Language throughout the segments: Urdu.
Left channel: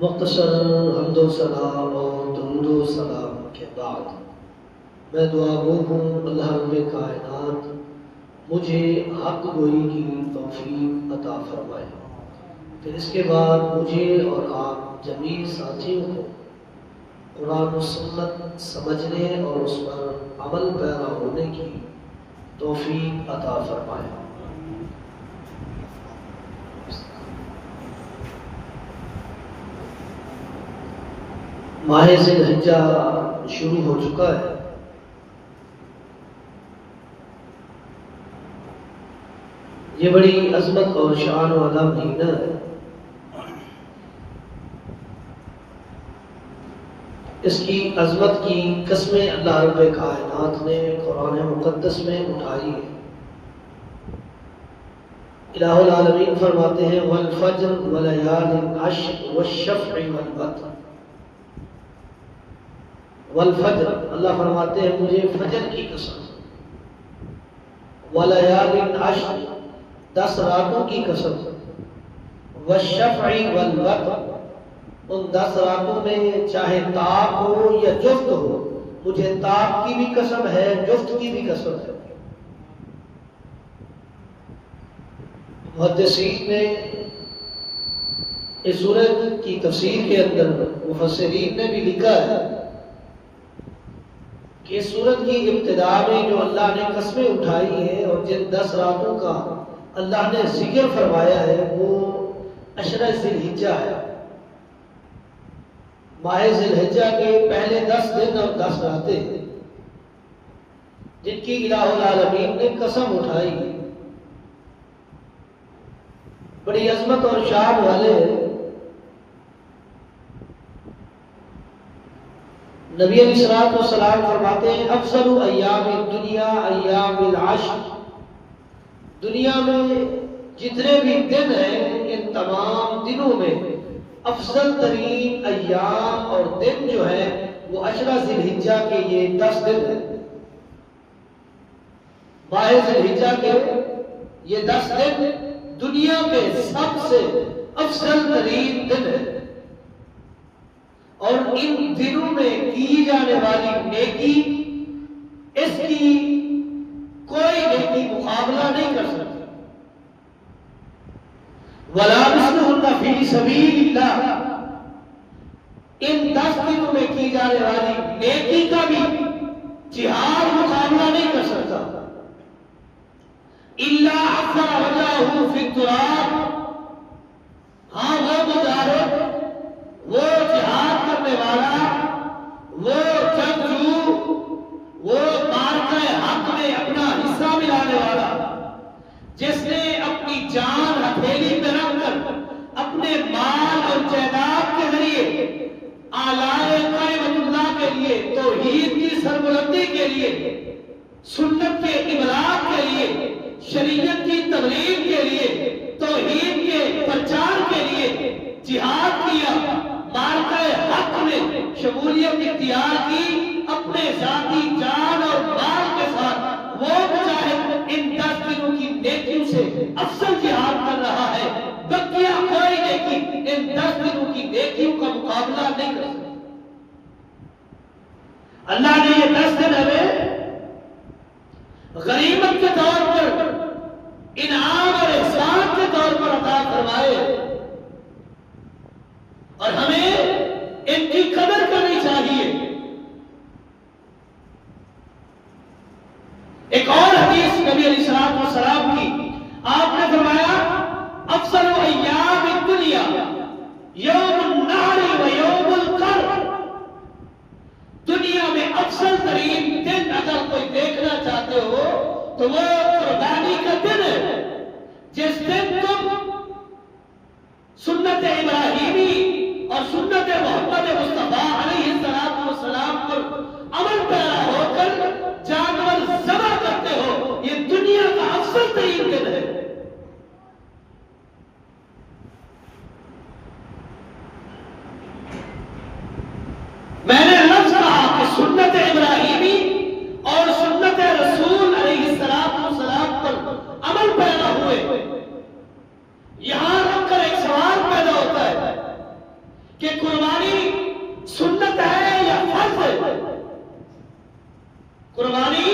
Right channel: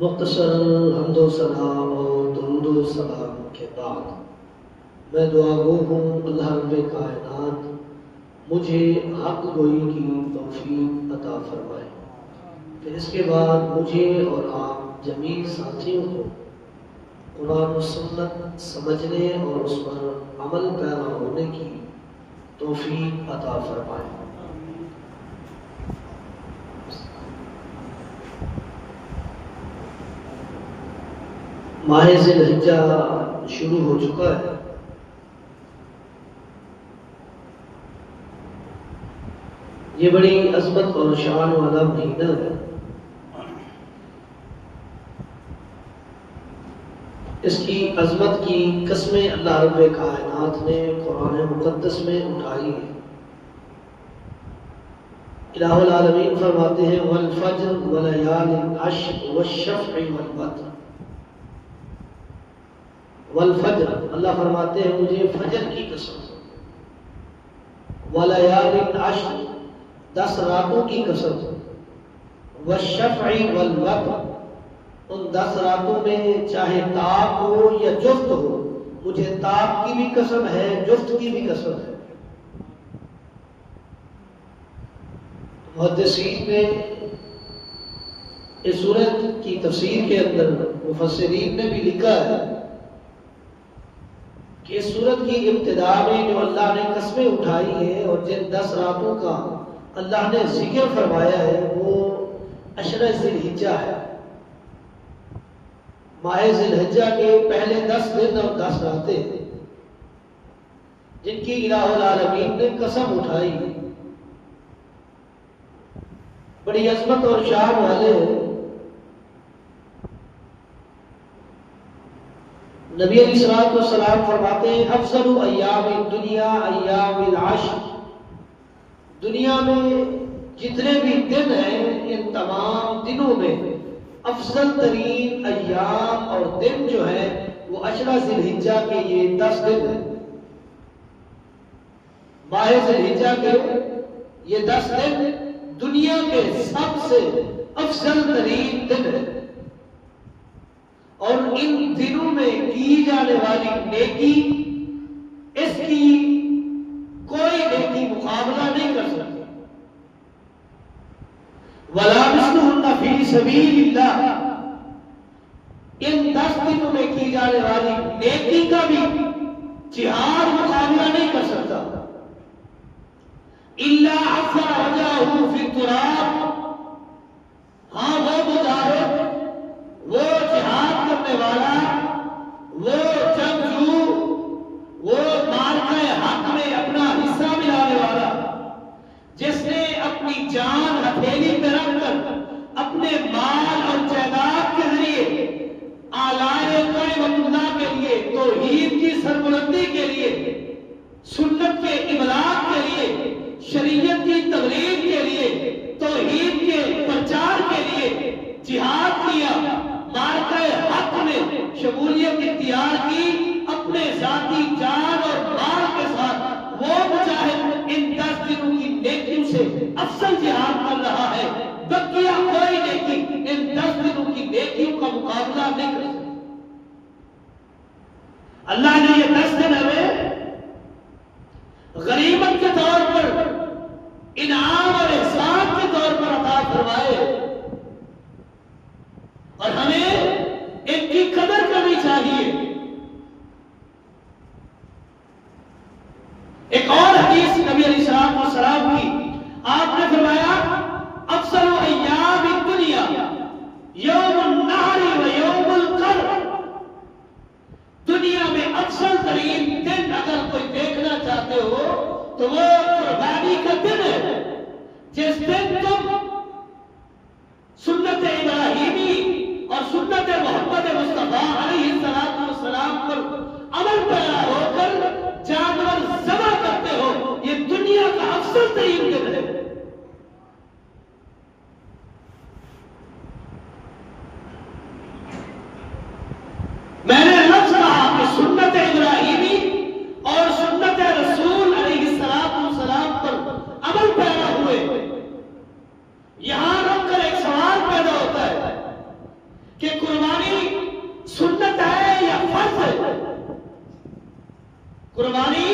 مختصر حمد و ثنا اور درود و سلام کے بعد میں دعا گو ہوں اللہ رب کائنات مجھے حق گوئی کی توفیق عطا فرمائے کہ اس کے بعد مجھے اور آپ جمیع ساتھیوں کو قرآن و سنت سمجھنے اور اس پر عمل پیدا ہونے کی توفیق عطا فرمائے۔ ماہ ذی الحجہ شروع ہو چکا ہے۔ یہ بڑی عظمت اور شان والا مہینہ ہے۔ اس کی عظمت کی قسمیں اللہ رب کائنات نے قرآن مقدس میں اٹھائی ہے۔ الہ العالمین فرماتے ہیں والفجر ولیال عشر والشفع والوتر۔ والفجر، اللہ فرماتے ہیں مجھے فجر کی قسم، ولیال عشر، 10 راتوں کی قسم، والشفع والوتر، ان 10 راتوں میں چاہے طاق ہو یا جفت ہو، مجھے طاق کی بھی قسم ہے، جفت کی بھی قسم ہے۔ محدثین نے اس سورت کی تفسیر کے اندر مفسرین نے بھی لکھا ہے کہ اس سورت کی ابتدا میں جو اللہ نے قسمیں اٹھائی ہیں اور جن 10 راتوں کا اللہ نے ذکر فرمایا ہے وہ عشرہ ذی الحجہ ہے۔ ماہ ذی الحجہ کے پہلے 10 دن اور 10 راتیں جن کی الہ العالمین نے قسم اٹھائی، بڑی عظمت اور شان والے ہیں۔ نبی علیہ السلام فرماتے ہیں افضل ایام الدنیا ایام العشر، دنیا میں جتنے بھی دن ہیں ان تمام دنوں میں افضل ترین ایام اور دن جو ہے وہ عشرہ ذی الحجہ کے یہ 10 دن ہیں۔ ماہ ذی الحجہ کے یہ 10 دن دنیا کے سب سے افضل ترین دن ہیں، اور ان دنوں میں کی جانے والی نیکی اس کی کوئی نیکی مقابلہ نہیں کر سکتی۔ وَلَا مِثْلُهُنَّ فِي سَبِيلِ اللَّهِ، ان 10 دنوں میں کی جانے والی نیکی کا بھی جہاد مقابلہ نہیں کر سکتا۔ إِلَّا عَفَّ وَجَهُ فِي التُّرَابِ، ہاں وہ مجاہد، وہ جہاد کرنے والا، وہ جنگجو، وہ معرکہ حق میں اپنا حصہ ملانے والا، جس نے اپنی جان ہتھیلی میں رکھ کر اپنے مال اور جائیداد کے ذریعے آلائے کلمۃ اللہ کے لیے، توحید کی سربلندی کے لیے، سنت کے ابلاغ کے لیے، شریعت کی تبلیغ کے لیے، توحید کے پرچار کے لیے جہاد کیا، معرکہ حق میں شمولیت اختیار کی، اپنے ذاتی جان اور مال کے ساتھ، وہ مجاہد ان 10 دنوں کی نیکیوں سے افضل جہاد کر رہا ہے۔ بقیہ کوئی نیکی ان 10 دنوں کی نیکیوں کا مقابلہ نہیں کر سکتی۔ اللہ نے یہ 10 دن ہمیں غنیمت کے طور پر، انعام اور احسان کے طور پر عطا فرمائے، اور ہمیں ان کی قدر کرنی چاہیے۔ ایک اور حدیث نبی علیہ السلام کی، آپ نے فرمایا افضل ایام الدنیا یوم النحر و یوم القر، دنیا میں افضل ترین دن اگر کوئی دیکھنا چاہتے ہو تو وہ قربانی کا دن ہے، جس دن تم سنت ابراہیمی اور سنت محمد مصطفیٰ علیہ السلام پر عمل پیرا ہو کر جانور ذبح کرتے ہو، یہ دنیا کا افضل ترین دن ہے۔ میں نے لفظ کہا کہ سنت ابراہیمی اور سنت رسول علیہ السلام پر عمل پیرا ہوئے، یہاں رکھ کر ایک سوال پیدا ہوتا ہے کہ قربانی سنت ہے یا فرض ہے؟ قربانی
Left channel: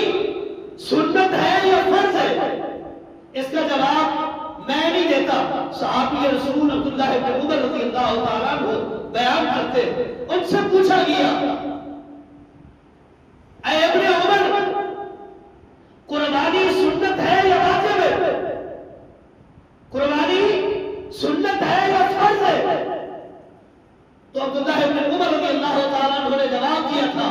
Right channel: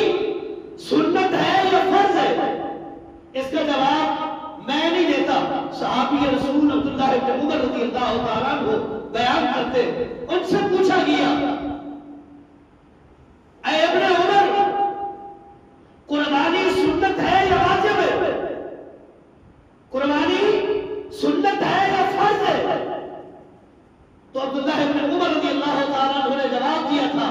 سنت ہے یا فرض ہے؟ اس کا جواب میں نہیں دیتا، صحابی رسول عبداللہ بن عمر رضی اللہ تعالیٰ عنہ بیان کرتے، ان سے پوچھا گیا اے ابن عمر، قربانی سنت ہے یا واجب ہے؟ قربانی سنت ہے یا فرض ہے؟ تو عبداللہ بن عمر رضی اللہ تعالیٰ عنہ نے جواب دیا تھا،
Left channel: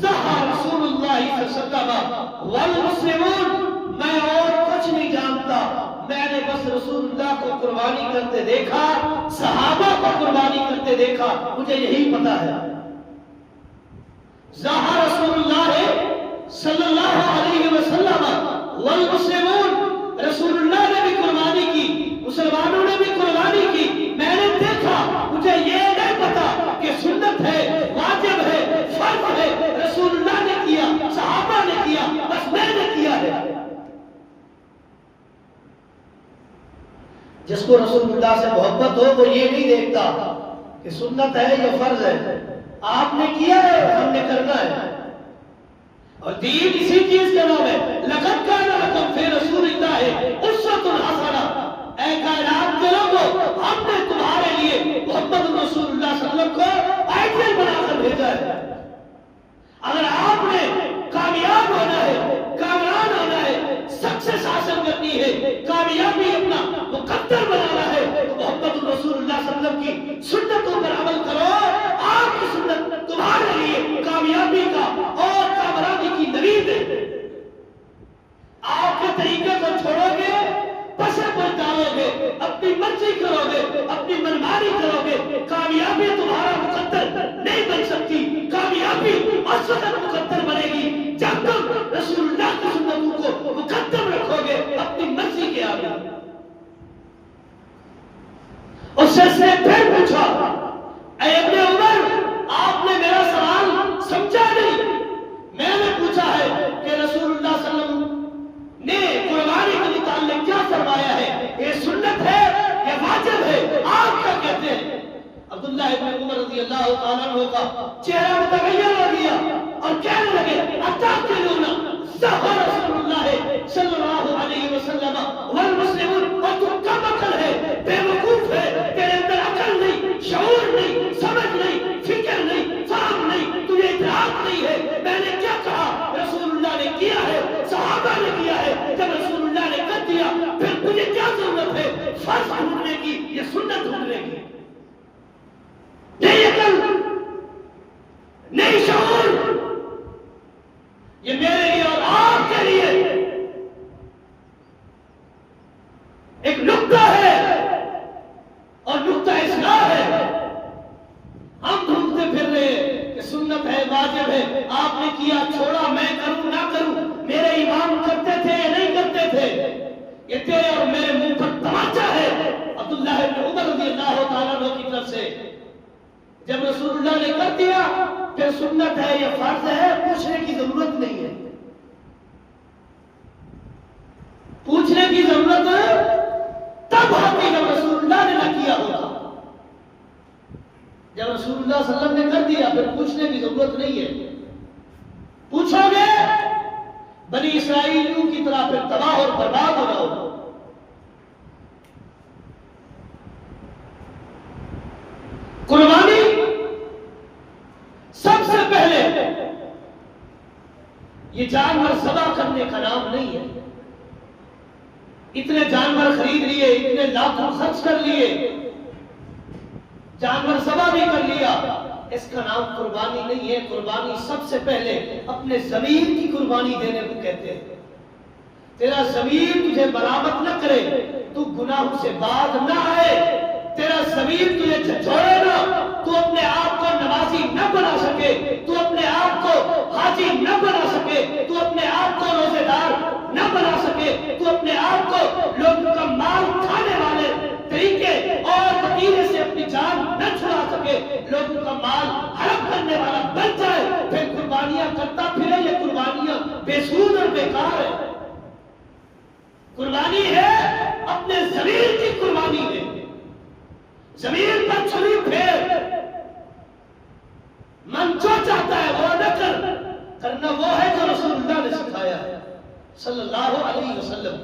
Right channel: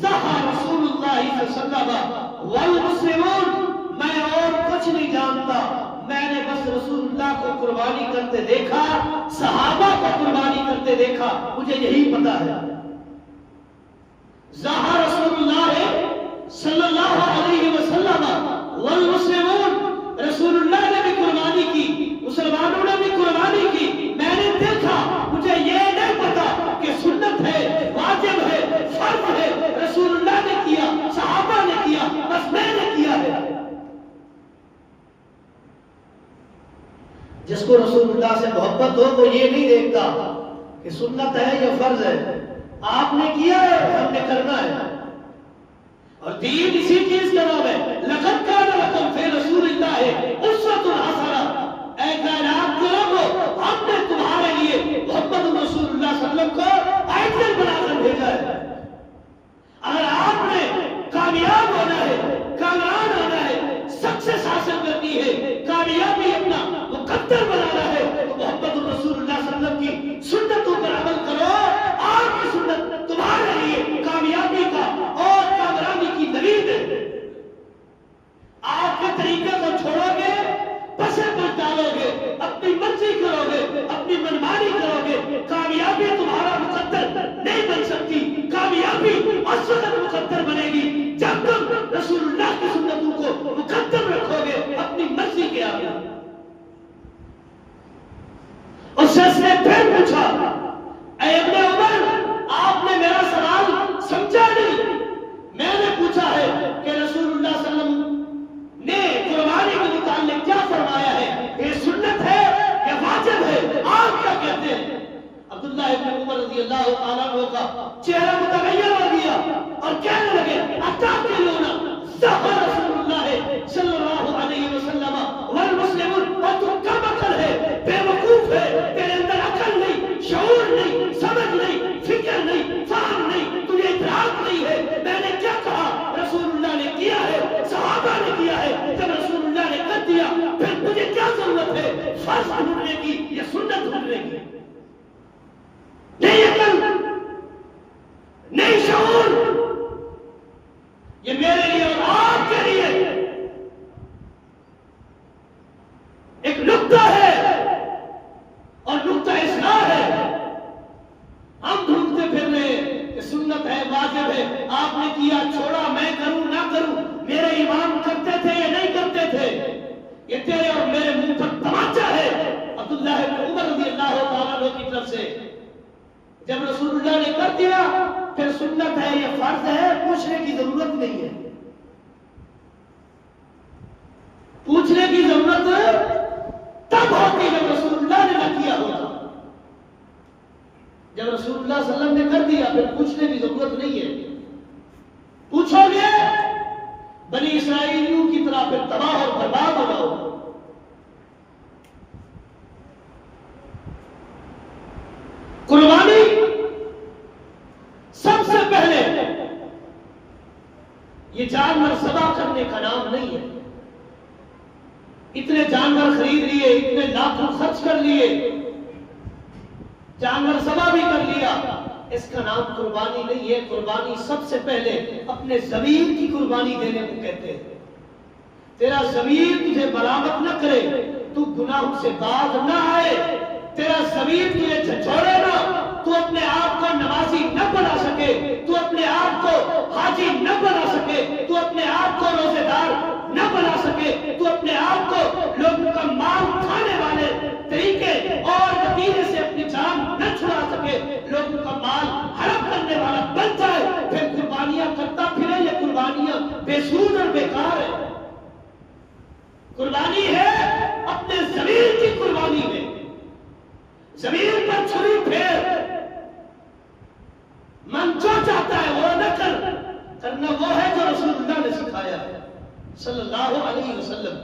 ضحى رسول اللہ صلی اللہ علیہ وسلم والمسلمون، میں اور کچھ نہیں جانتا، میں نے بس رسول اللہ کو قربانی کرتے دیکھا، صحابہ کو قربانی کرتے دیکھا، مجھے یہی پتا ہے۔ ضحى رسول اللہ صلی اللہ علیہ وسلم والمسلمون، رسول اللہ نے بھی قربانی کی، مسلمانوں نے بھی قربانی کی، میں نے دیکھا، مجھے یہ نہیں پتا کہ سنت ہے، واجب ہے، فرض ہے، رسول اللہ نے کیا، صحابہ نے کیا، بس میں نے کیا ہے۔ جس کو رسول اللہ سے محبت ہو وہ یہ نہیں دیکھتا کہ سنت ہے یا فرض ہے، آپ نے کیا ہے، ہم نے کرنا ہے۔ اور دین اسی چیز کا نام ہے، لقد کان لکم فی رسول اللہ اسوۃ حسنہ، اے کائنات کے لوگوں، ہم نے تمہارے لیے محمد رسول اللہ صلی اللہ علیہ وسلم کو آئیڈیل بنا کر بھیجا ہے۔ اگر آپ نے کامیاب ہونا ہے، کامیاب ہونا ہے، سکسیس حاصل کرنی ہے، کامیابی اپنا مقدر بنانا ہے، تو محمد رسول اللہ صلی اللہ علیہ وسلم کی سنتوں پر عمل کرو۔ آپ کی سنت تمہارے لیے کامیابی کا اور کامیابی کی دلیل ہے۔ آپ کے طریقے کو چھوڑو گے، پسے پر ڈالو گے، اپنی مرضی کرو گے، اپنی منمانی کرو گے، کامیابی تمہارا مقدر نہیں بن سکتی۔ کامیابی اس وقت مقدر بنے گی جب تم رسول اللہ کی سنتوں کو مقدم رکھو گے اپنی مرضی کے آگے۔ اس شخص نے پھر پوچھا، اے ابن عمر، آپ نے میرا سوال سمجھا نہیں، میں نے پوچھا ہے کہ رسول اللہ صلی اللہ علیہ وسلم نے قربانی کے متعلق کیا فرمایا ہے، یہ سنت ہے یا واجب ہے، آپ کیا کہتے ہیں؟ عبداللہ ابن عمر رضی اللہ تعالیٰ عنہ کا چہرہ متغیر ہو گیا اور کہنے لگے، اتعقلون ضحى رسول اللہ صلی اللہ علیہ وسلم والمسلمون، اور تم کم عقل ہے، بے وقوف ہے، تیرے اندر عقل نہیں، شعور نہیں، سمجھ نہیں، فکر نہیں، فہم نہیں، تجھے ادراک نہیں ہے۔ میں نے کیا کہا؟ رسول اللہ نے کیا ہے، صحابہ نے کیا ہے، جب رسول اللہ نے کر دیا پھر تجھے کیا ضرورت ہے فرض ڈھونڈنے کی یا سنت ڈھونڈنے کی؟ نہیں عقل، نہیں شعور، یہ میرے لیے اور آپ کے لیے ایک نقطہ ہے اور نقطہ اصلاح ہے۔ ہم ڈھونڈتے پھر رہے ہیں کہ سنت ہے، واجب ہے، آپ نے کیا، چھوڑا، میں کروں نہ کروں، میرے امام کرتے تھے یا نہیں کرتے تھے، یہ تیرے اور میرے منہ پر تماچا ہے۔ عبداللہ بن عمر رضی اللہ تعالیٰ عنہ کی طرف سے جب رسول اللہ نے کر دیا پھر سنت ہے یا فرض ہے پوچھنے کی ضرورت نہیں ہے، پوچھنے کی ضرورت تب ہوتی جب رسول اللہ نے نہ کیا ہوتا۔ جب رسول اللہ صلی اللہ علیہ وسلم نے کر دیا پھر پوچھنے کی ضرورت نہیں ہے۔ پوچھو گے بنی اسرائیلیوں کی طرح پھر تباہ اور برباد ہو رہا ہوگا۔ قربانی سب سے پہلے یہ جانور ذبح کرنے کا نام نہیں ہے۔ اتنے جانور خرید لیے، اتنے لاکھوں خرچ کر لیے، جانور ذبح بھی کر لیا، اس کا نام قربانی نہیں ہے۔ قربانی سب سے پہلے اپنے ضمیر کی قربانی دینے کو کہتے ہیں۔ تیرا ضمیر تجھے ملامت نہ کرے، تو گناہوں سے باز نہ آئے، تیرا ضمیر تجھے جھنجھوڑے نہ، تو اپنے آپ کو نمازی نہ بنا سکے، تو اپنے آپ کو حاجی نہ بنا سکے، تو اپنے آپ کو روزے دار نہ بنا سکے، تو اپنے آپ کو لوگوں کا مال کھانے والے طریقے اور وسیلے سے اپنی جان نہ چھڑا سکے، لوگوں کا مال حرام کرنے والا بن جائے، پھر قربانیاں کرتا پھرے، یہ قربانیاں بے سود اور بیکار ہے۔ قربانی ہے اپنے ضمیر کی قربانی ہے۔ ضمیر پر چھری پھیر، صلی اللہ علیہ وسلم.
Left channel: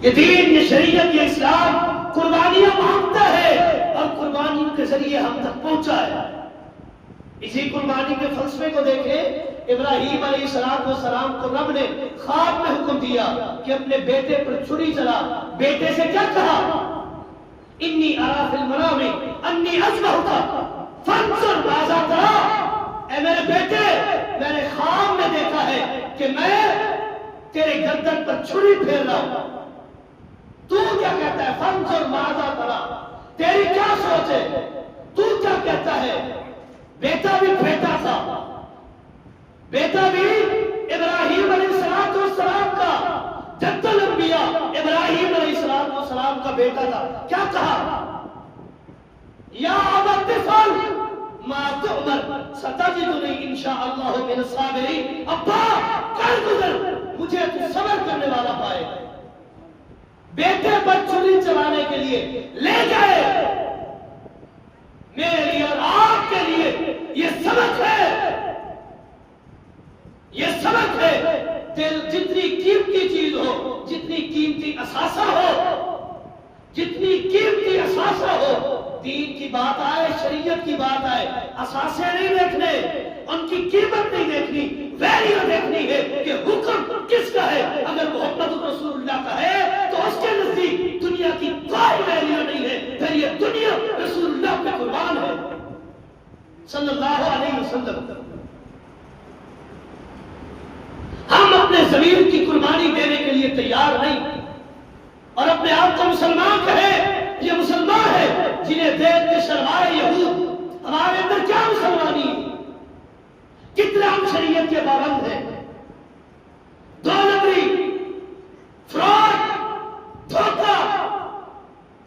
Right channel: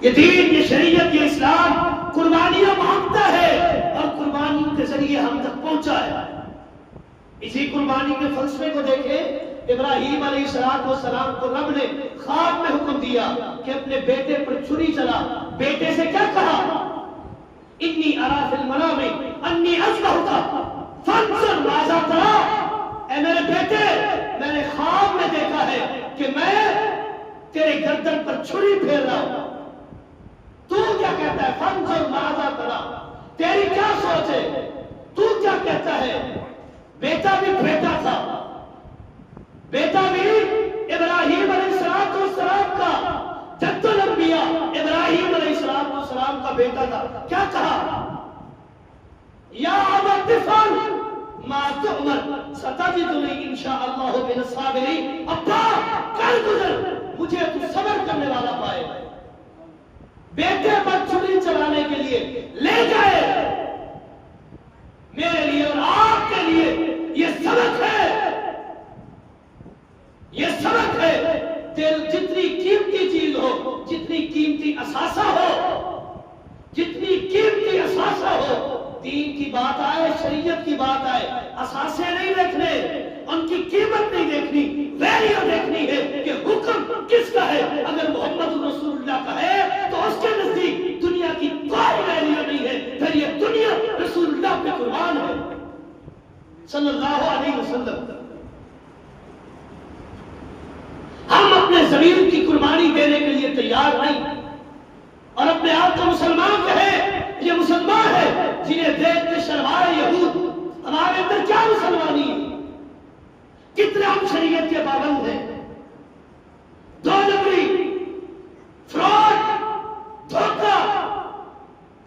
یہ دین، یہ شریعت، یہ اسلام قربانیاں مانگتا ہے اور قربانی کے ذریعے ہم تک پہنچا ہے. اسی قربانی کے فلسفے کو دیکھیں. ابراہیم علیہ السلام کو رب نے خواب میں حکم دیا کہ اپنے بیٹے پر چھری چلا. بیٹے سے کیا کہا؟ انی ارا فی المنام انی اذبحک فانظر ماذا تری. اے میرے بیٹے، میں نے خواب میں دیکھا ہے کہ میں تیرے گردن پر چھری پھیر رہا ہوں. تو کیا کہتا ہے؟ فانظر ماذا تری. تیری کیا سوچ ہے؟ تو کیا کہتا ہے؟ بیٹا بھی بیٹا تھا. بیٹا بھی ابراہیم علیہ السلام کا، جد الانبیاء ابراہیم علیہ السلام کا بیٹا تھا. کیا کہا؟ یا ابت افعل ما تؤمر ستجدنی انشاء اللہ من الصابرین. ابا کل گزر، مجھے تو صبر کرنے والا پائے. بیٹے پر چھری چلانے کے لیے لے گئے. میرے لیے اور آپ کے لیے یہ سبق ہے، یہ سبق ہے. دل جتنی قیمتی چیز ہو، جتنی قیمتی اثاثہ ہو، جتنی قیمتی اثاثہ ہو، دین کی بات آئے، شریعت کی بات آئے، اثاثے نہیں دیکھنے، ان کی قیمت نہیں دیکھنی، ویلیو دیکھنی ہے کہ حکم کس کا ہے. اگر محمد رسول اللہ کا ہے تو اس کے نزدیک دنیا کی کوئی ویلیو نہیں ہے. پھر یہ دنیا رسول اللہ پہ قربان ہے صلی اللہ علیہ وسلم. ہم اپنے ضمیر کی قربانی دینے کے لیے تیار نہیں، اور اپنے آپ کو مسلمان کہے. یہ مسلمان ہے جنہیں دیکھ کے شرمائے یہود. ہمارے اندر کیا مسلمانی؟ کتنے ہم شریعت کے پابند ہیں. دو نمبری، فراڈ، دھوکہ،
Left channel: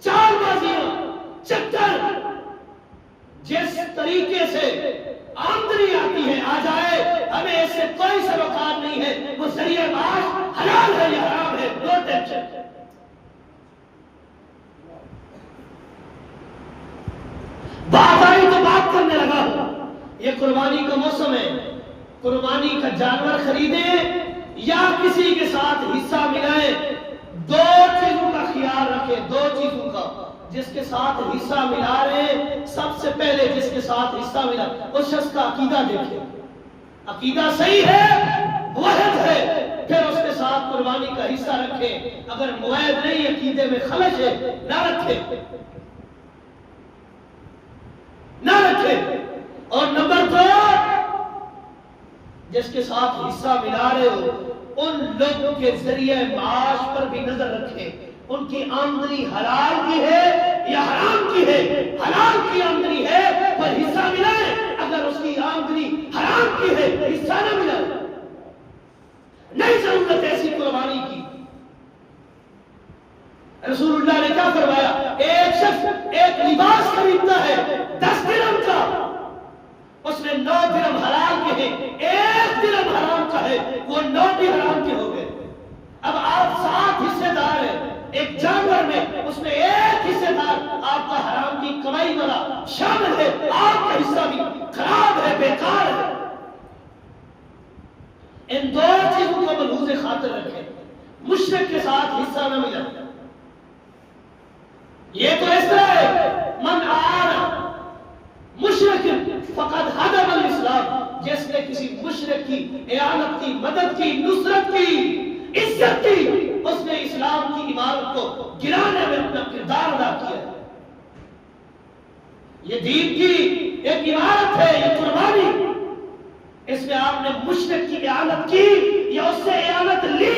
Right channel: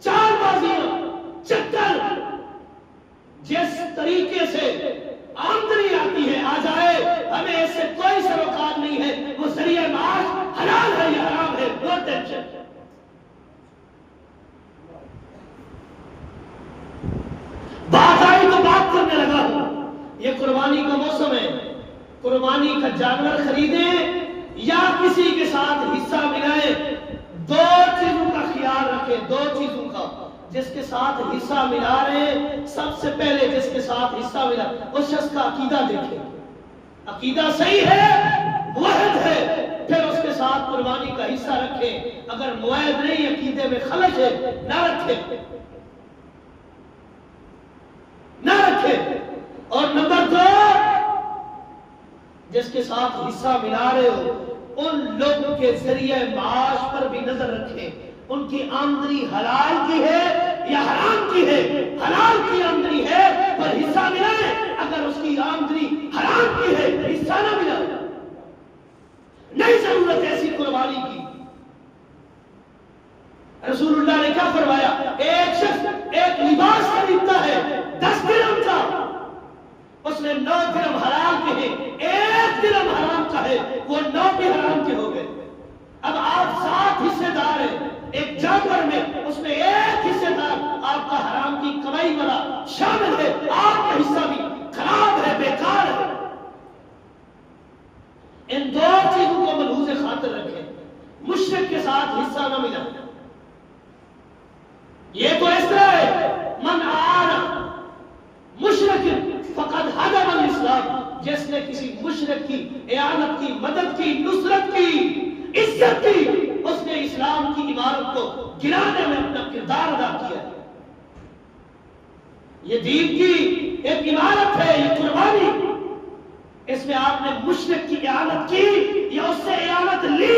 چال بازیاں، چکر. جس طریقے سے آمدنی آتی ہے آ جائے، ہمیں اس سے کوئی سروکار نہیں ہے. وہ ذریعہ معاش حلال ہے یا حرام ہے، نو ٹینشن. بات آئی تو بات کرنے لگا ہوں. یہ قربانی کا موسم ہے. قربانی کا جانور خریدیں یا کسی کے ساتھ حصہ ملائیں، دو چیزوں کا خیال رکھیں. دو چیزوں کا. جس کے ساتھ حصہ ملا رہے ہیں، سب سے پہلے جس کے ساتھ حصہ ملا اس شخص کا عقیدہ دیکھیں. عقیدہ صحیح ہے، موحد ہے، پھر اس کے ساتھ قربانی کا حصہ رکھیں. اگر موحد نہیں، عقیدے میں خلش ہے، نہ رکھیں، نہ رکھیں. اور نمبر دو، جس کے ساتھ حصہ ملا رہے ہو ان لوگوں کے ذریعے معاش پر بھی نظر رکھیں. ان کی آمدنی حلال کی ہے یا حرام کی ہے. حلال کی آمدنی ہے پر حصہ ملائیں. اگر اس کی آمدنی حرام کی ہے، حصہ نہ ملائیں. نہیں ضرورت ایسی قربانی کی. رسول اللہ نے کیا فرمایا؟ ایک شخص ایک لباس خریدتا ہے 10 درہم کا، اس نے 9 درہم حلال کے ہیں، 1 درہم حرام کا ہے، وہ 9 بھی حرام کے ہو گئے. اب آپ 7 حصے دار ہیں ایک جانور میں، اس میں 1 حصے دار آپ کا حرام کی کمائی والا شامل ہے. آپ کا حصہ بھی خراب ہے، بیکار ہے. ان دو چیزوں کو ملحوظ خاطر رکھیں. مشرک کے ساتھ حصہ نہ ملا. یہ تو اس طرح ہے، من آنا مشرک فقد حدم الاسلام. جس نے کسی مشرک کی اعانت کی، مدد کی، نصرت کی، عزت کی، اس نے اسلام کی عمارت کو گرانے میں اپنا کردار ادا کیا. یہ دین کی ایک عمارت ہے، یہ قربانی. اس میں آپ نے مشرک کی اعانت کی یا اس سے اعانت لی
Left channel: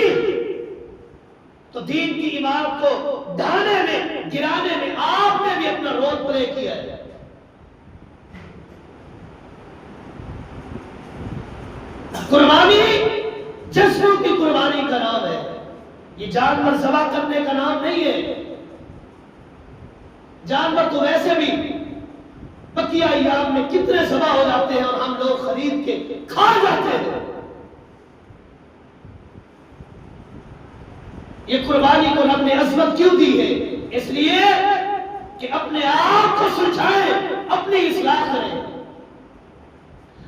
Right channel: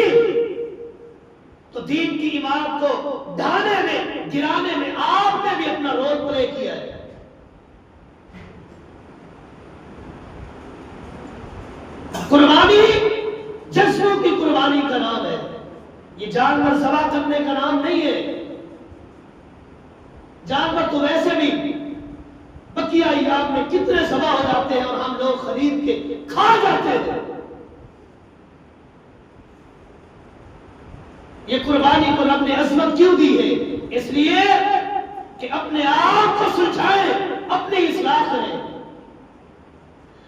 تو دین کی عمارت کو ڈھانے میں، گرانے میں آپ نے بھی اپنا رول پلے کیا ہے. قربانی جسموں کی قربانی کا نام ہے. یہ جانور ذبح کرنے کا نام نہیں ہے. جانور تو ویسے بھی بقیہ ایام میں کتنے ذبح ہو جاتے ہیں اور ہم لوگ خرید کے کھا جاتے ہیں. یہ قربانی کو رب نے عظمت کیوں دی ہے؟ اس لیے کہ اپنے آپ کو سلجھائیں، اپنی اصلاح کریں.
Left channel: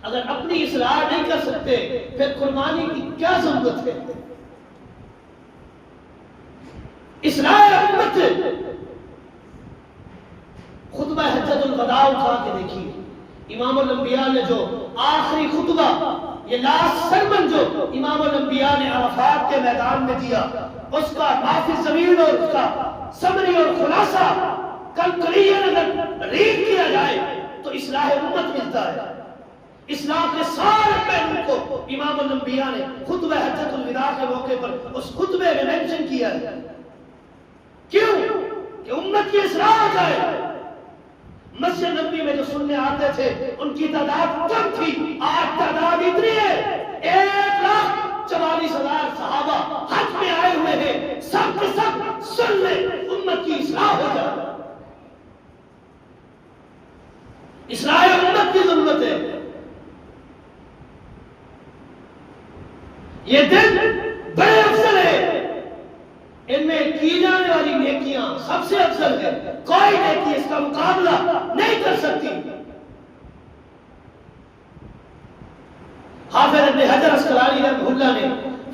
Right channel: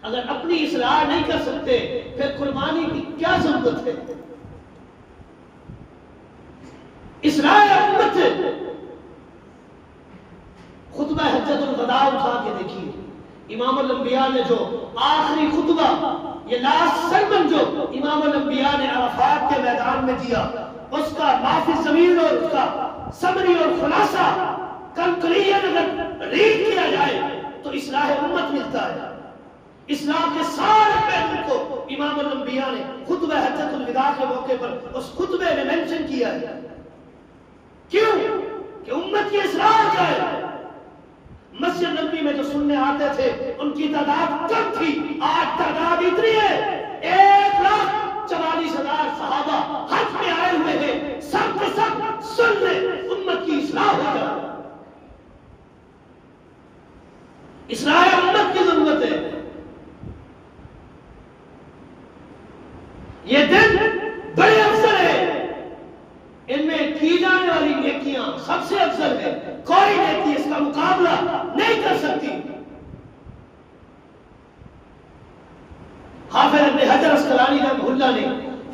اگر اپنی اصلاح نہیں کر سکتے پھر قربانی کی کیا ضرورت ہے؟ اصلاح امت خطبہ حجۃ الوداع اٹھا کے دیکھیے، امام الانبیاء نے جو آخری خطبہ، یہ لاسٹ سرمن جو امام الانبیاء نے عرفات کے میدان میں دیا، اس کا معافی ضمیر اور اس کا سمری اور خلاصہ کنکلیئر اگر ریڈ کیا جائے تو اصلاح امت ملتا ہے۔ اسلام کے سارے پہلو کو امام الانبیاء نے خطبہ حجۃ الوداع کے موقع پر اس خطبے میں مینشن کیا ہے۔ کیوں؟ کہ امت کی اصلاح ہو جائے۔ مسجد نبوی میں جو سننے آتے تھے ان کی تعداد کم تھی، آج تعداد اتنی ہے 1,44,000 صحابہ حج میں آئے ہوئے ہیں، سب کے سب سن لیں، امت کی اصلاح ہو جائے۔ اصلاح امت کی ضرورت ہے۔ یہ دن بڑے افضل ہے، ان میں کی جانے والی نیکیاں سب سے افضل ہے، کوئی نیکی اس کا مقابلہ نہیں کر سکتی۔ حافظ ابن حجر اسقلانی رحمہ اللہ نے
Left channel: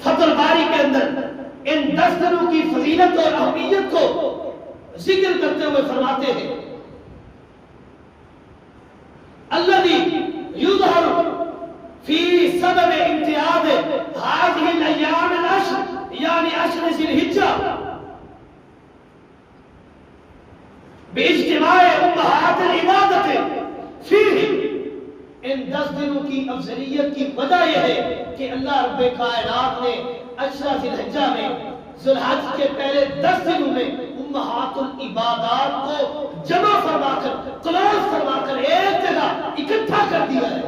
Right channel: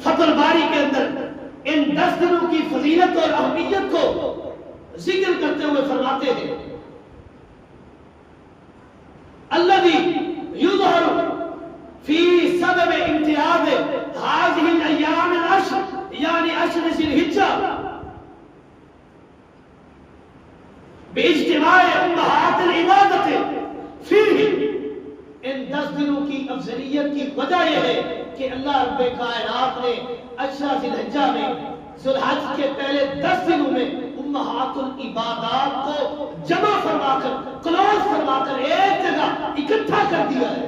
فتح الباری کے اندر ان 10 دنوں کی فضیلت اور اہمیت کو ذکر کرتے ہوئے فرماتے ہیں، الذی یظہر فی سبب امتیاز هذه الایام العشر یعنی 10 ذی الحجہ باجتماع امہات العبادت فیہ، ان 10 دنوں کی افضلیت کی وجہ یہ ہے کہ اللہ رب کائنات نے 10 ذی الحجہ میں ذی الحج کے پہلے 10 دنوں میں امہات العبادات کو جمع فرما کر، کلوز فرما کر ایک جگہ اکٹھا کر دیا ہے۔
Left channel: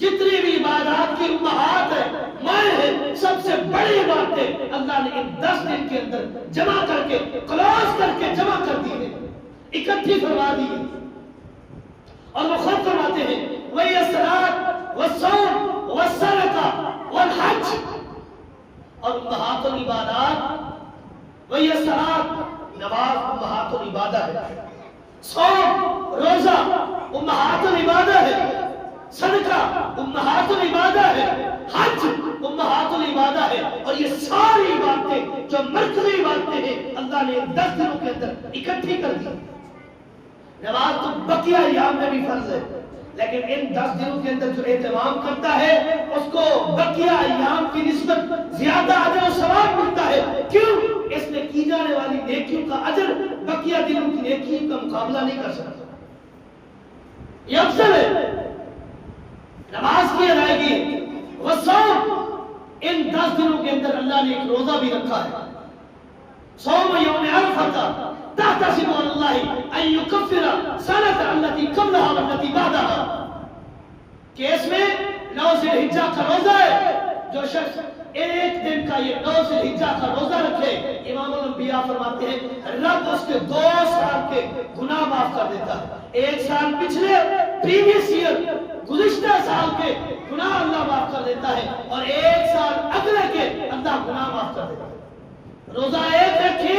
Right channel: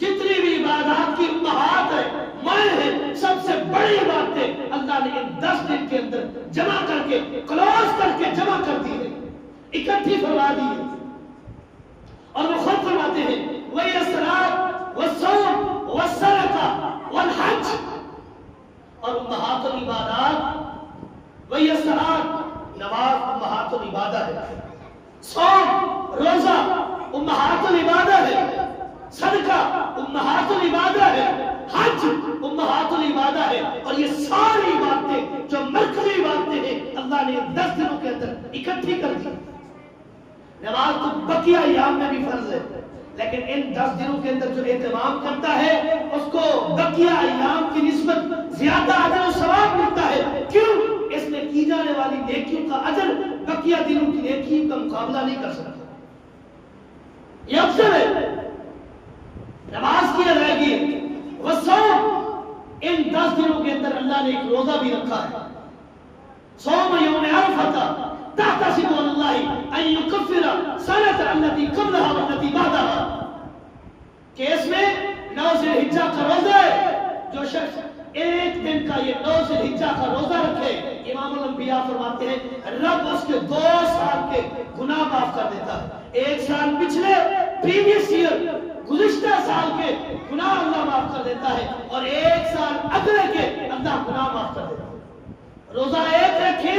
جتنی بھی عبادات کی امہات ہیں، مائیں ہیں، سب سے بڑی باتیں اللہ نے ان 10 دن کے اندر جمع کر کے، کلوز کر کے جمع کر دی ہے، اکٹھی فرما دی ہے۔ اور وہ خود فرماتے ہیں وہی الصلاۃ والصوم والصدقہ والحج، اور امہات العبادات وہی الصلاۃ، نماز امہات العبادہ ہے، صوم روزہ امہات العبادہ ہے، صدقہ امہات العبادہ ہے، حج امہات العبادہ ہے، اور یہ ساری باتیں جو مرکزی باتیں ہیں اللہ نے 10 دنوں کے اندر اکٹھی کر دی۔ نماز تو بقیہ ایام میں بھی فرض ہے، لیکن ان 10 دنوں کے اندر جو اہتمام کرتا ہے اس کو بقیہ ایام کی نسبت زیادہ اجر و ثواب ملتا ہے۔ کیوں؟ اس میں کی جانے والی نیکیوں کا اجر بقیہ دنوں کی نیکیوں کا مقابلہ نہیں کر سکتا، یہ افضل ہے۔ نماز کی ادائیگی، والصوم، ان 10 دنوں کے اندر اللہ نے ایک روزہ بھی رکھا ہے، صوم یوم عرفہ تحتسب اللہ ان یکفر سنۃ التي قبلها والتي بعدها، کہ اس میں 9 ذی الحجہ کا روزہ ہے، جو شخص ایک دن کا یہ 9 ذی الحجہ کا روزہ رکھے، امام الانبیاء فرماتے ہیں رب اس کے 2 سال کے گناہ معاف کر دیتا ہے۔ 1 سال پچھلے پریویس ایئر گزشتہ سال کے گناہ اللہ معاف کر دیتا ہے، اور 1 سال اگلے کے اللہ گناہ معاف کر دیتا ہے۔ روزہ ایک رکھے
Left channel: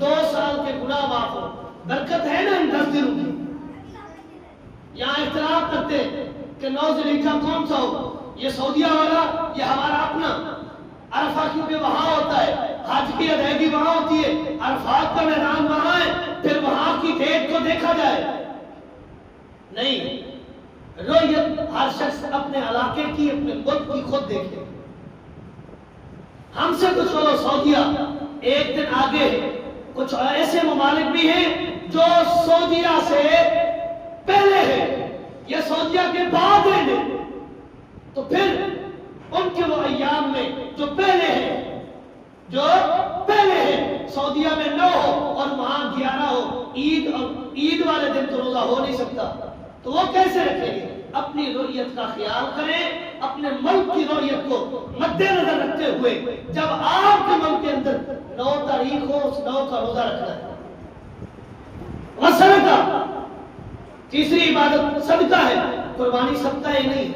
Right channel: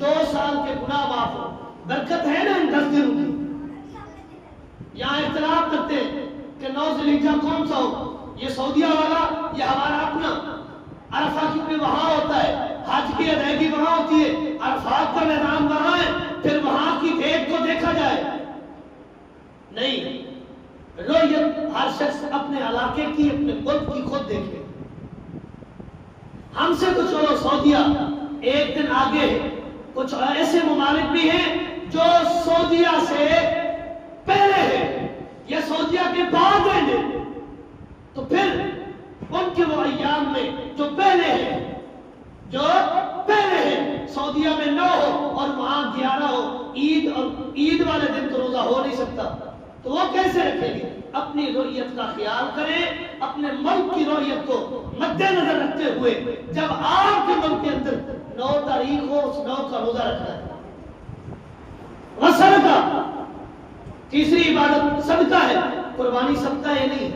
2 سال کے گناہ معاف ہو، برکت ہے نا ان 10 دنوں کی۔ یہاں اختلاف کرتے ہیں کہ 9 ذی الحجہ کون سا ہو، یہ سعودیہ والا یہ ہمارا اپنا، عرفہ کیونکہ وہاں ہوتا ہے، حج کی ادائیگی وہاں ہوتی ہے، عرفات کا میدان وہاں ہے، پھر وہاں کی ڈیٹ کو دیکھا جائے۔ نہیں، رویت ہر شخص اپنے علاقے کی، اپنے ملک کی خود دیکھے۔ ہم سے کچھ سعودیہ ایک دن آگے ہے، کچھ ایسے ممالک بھی ہیں جو سعودیہ سے پہلے ہے یا سعودیہ کے بعد ہے، تو پھر ان کے وہ ایام میں جو پہلے ہے، جو پہلے ہے سعودیہ میں 9 ہو اور وہاں 11 ہو، عید اور عید والے دن تو روزہ ہو نہیں سکتا، تو وہ کیسے رکھیں گے؟ اپنی رویت کا خیال کریں، اپنے ملک کی رویت کو مد نظر رکھتے ہوئے، جب آپ کے ملک کے اندر 9 تاریخ ہو، اس 9 کا روزہ رکھنا ہے۔ صدقہ، تیسری عبادت صدقہ ہے۔ قربانی صدقہ ہے نہیں،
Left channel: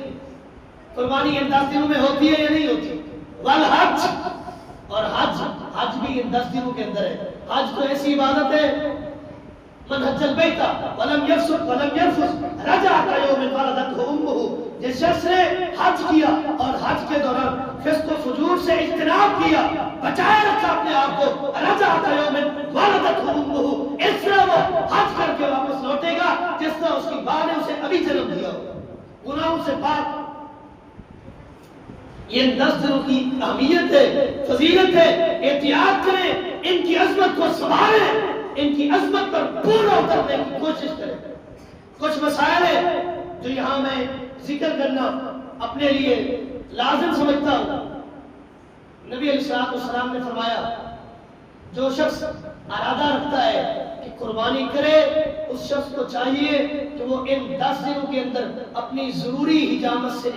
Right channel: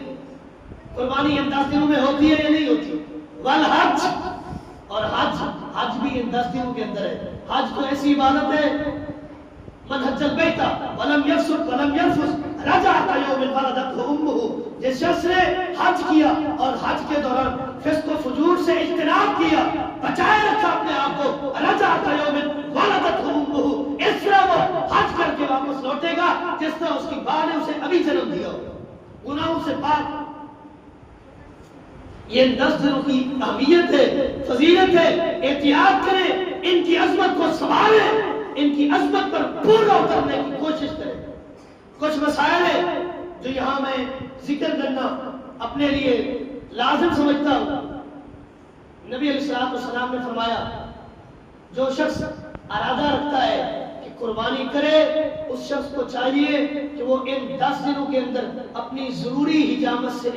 قربانی ان 10 دنوں میں ہوتی ہے یا نہیں ہوتی؟ والحج، اور حج بھی ان 10 دنوں کے اندر ہے۔ حج تو ایسی عبادت ہے من حج البیت ولم یفسق ولم یرفث رجع کیوم ولدتہ امہ، جس شخص نے حج کیا اور حج کے دوران فسق و فجور سے اجتناب کیا، بچائے رکھا اپنے آپ کو، رجع کیوم ولدتہ امہ، اس طرح وہ حج کر کے واپس لوٹے گا جس طرح اس کی ماں نے اسے ابھی جنم دیا ہو، گناہوں سے پاک۔ یہ 10 دنوں کی اہمیت ہے، فضیلت ہے، احتیاط کریں، ان کی عظمت کو سنبھالیں، ان کی عظمت پر پورا اترنے کی کوشش کریں۔ کچھ مسائل ہیں جو یہاں میں ذکر کرنا اپنے لیے لازم سمجھتا ہوں۔ نبی علیہ السلام نے فرمایا جو شخص ارادہ رکھتا ہے کہ قربانی کرے، اس شخص کو چاہیے کہ وہ ان 10 دنوں کے اندر اپنی ضروری حجامت سے